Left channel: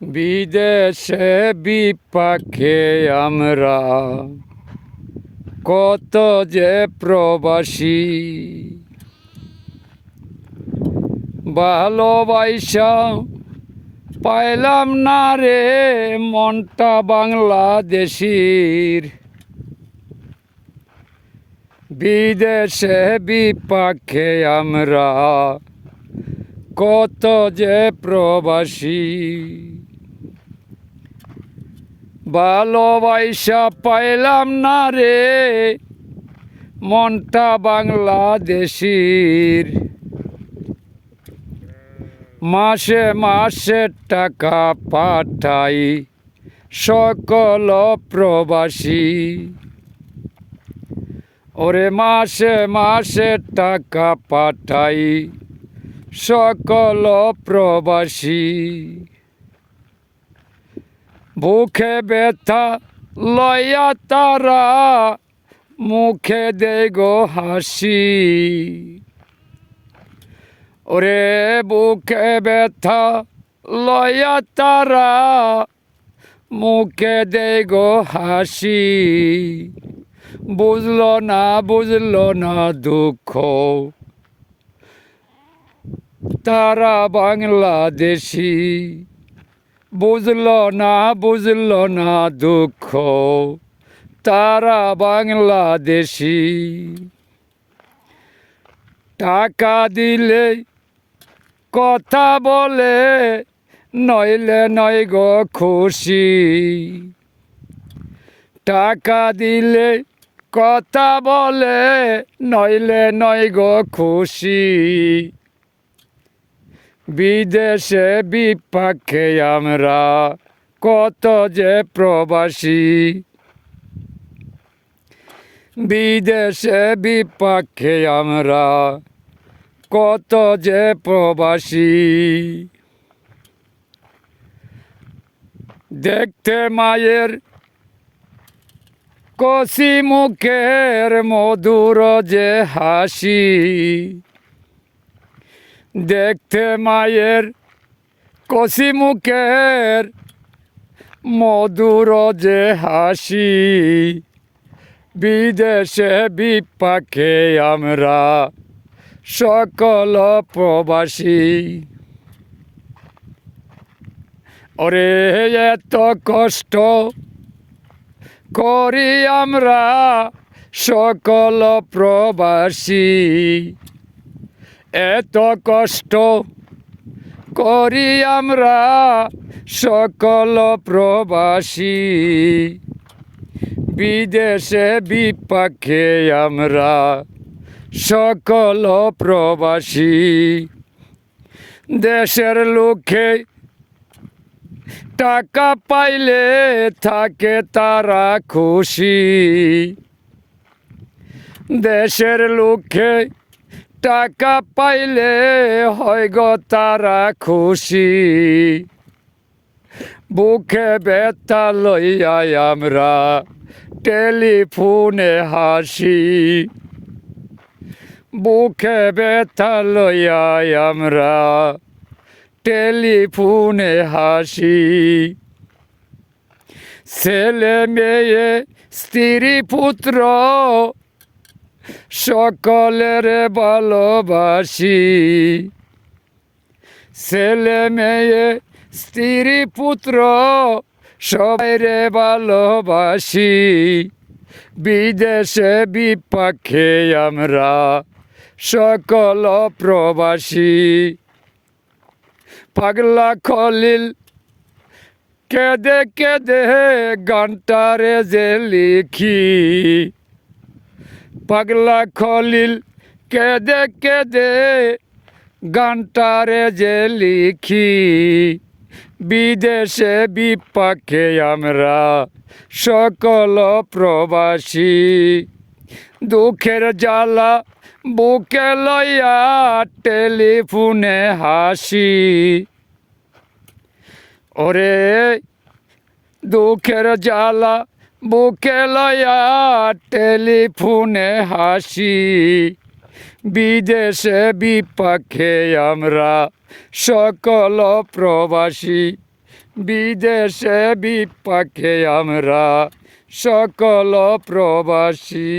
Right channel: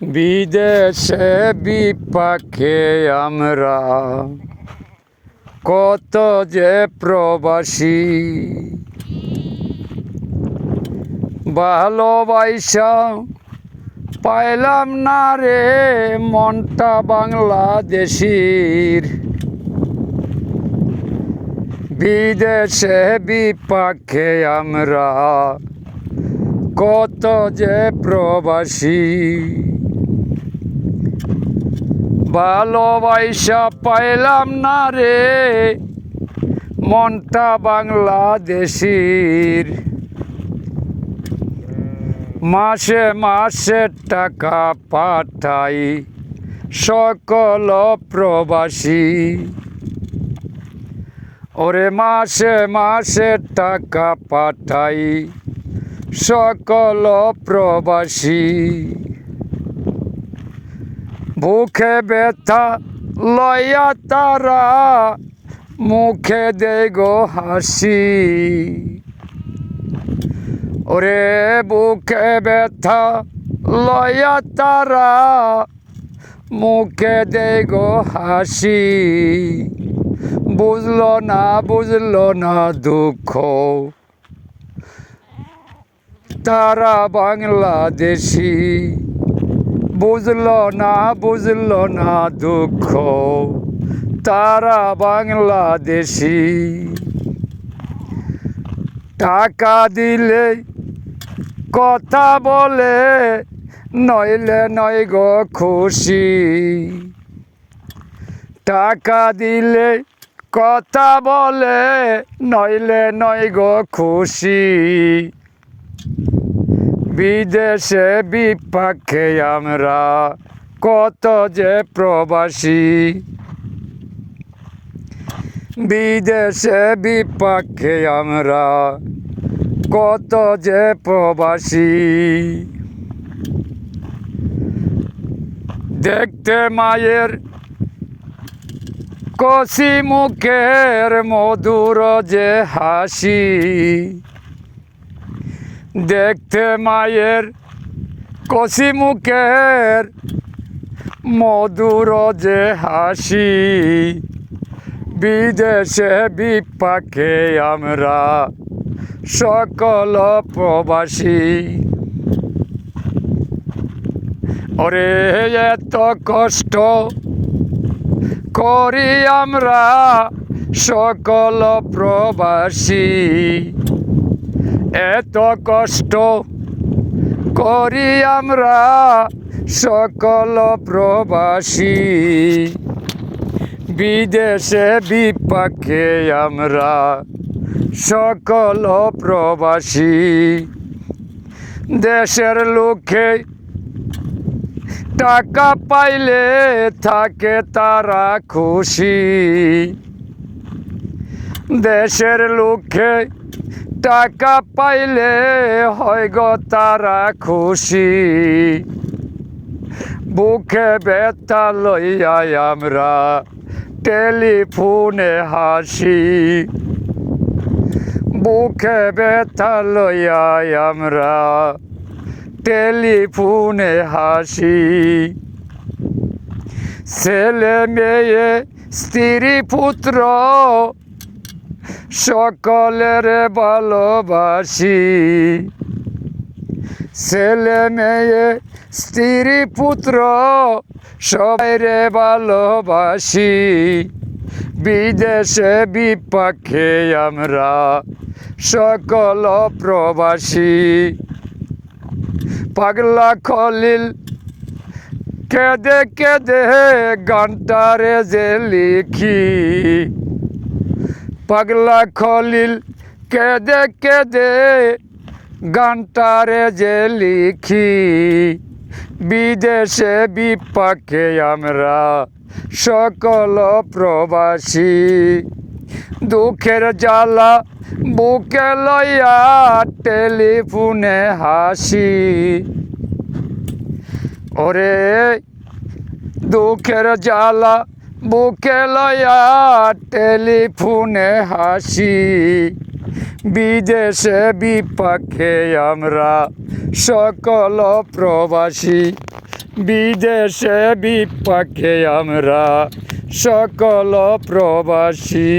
বিদেশে বিপাকে আমরা কত যে প্রবাসী, ভালোবাসা পাইলাম না রে মনটা বাংলাদেশির। বিদেশে বিপাকে আমরা কত যে প্রবাসী, ভালোবাসা পাইলাম না রে মনটা বাংলাদেশির। মাসে মাসে টাকা পাঠাই সকল প্রবাসী, ওরে মাসে মাসে টাকা পাঠাই সকল প্রবাসী। বুকে ব্যথা লইয়া তারা মুখে দেয় গো হাসি, ওরে বুকে ব্যথা লইয়া তারা মুখে দেয় গো হাসি। বুঝলো না দুঃখ তারা বাংলাদেশি, বুঝলো না দুঃখ তারা বাংলাদেশি। টাকা দিলে কথা বলে নইলে নয় গো খুশি, টাকা দিলে কথা বলে নইলে নয় গো খুশি। বিদেশে বিপাকে আমরা কত যে প্রবাসী, বিদেশে বিপাকে আমরা কত যে প্রবাসী। দেখতে মায়ের কষি মুখের মধুর যে হাসি, দেখতে মায়ের কষি মুখের মধুর যে হাসি। বিদেশে বিপাকে আমরা সকল প্রবাসী, ওরে এত কষ্ট করি আমরা সকল প্রবাসী, এত কষ্ট করি আমরা সকল প্রবাসী। বিদেশে বিপাকে আমরা সকল প্রবাসী। দেশের লোকে টাকা পাইলে থাকে তারা খুশি, দেশের লোকে টাকা পাইলে হয় গো তারা খুশি। বুকে ব্যথা লইয়া আমরা টেলিফোনে হাসি, বুকে ব্যথা লইয়া আমরা টেলিফোনে হাসি। ছেলে মেয়ে স্ত্রী পুত্র সকলের ভালোবাসি, ছেলে মেয়ে স্ত্রী পুত্র সবাইরে ভালোবাসি। বিদেশে বিপাকে আমরা সকল প্রবাসী। পাগলা খলিল কেঁদে কেঁদে গানটারে যে লিখি, পাগলা খলিল কেঁদে কেঁদে গানটারে যে লিখি। বিদেশে বিপাকে আমরা সকল প্রবাসী। দুঃখের জ্বালা বুকে লইয়া টেলিফোনে হাসি, ওরে দুঃখের জ্বালা বুকে লইয়া টেলিফোনে হাসি। বিদেশে বিপাকে আমরা সকল প্রবাসী। বিদেশে বিপাকে আমরা সকল প্রবাসী।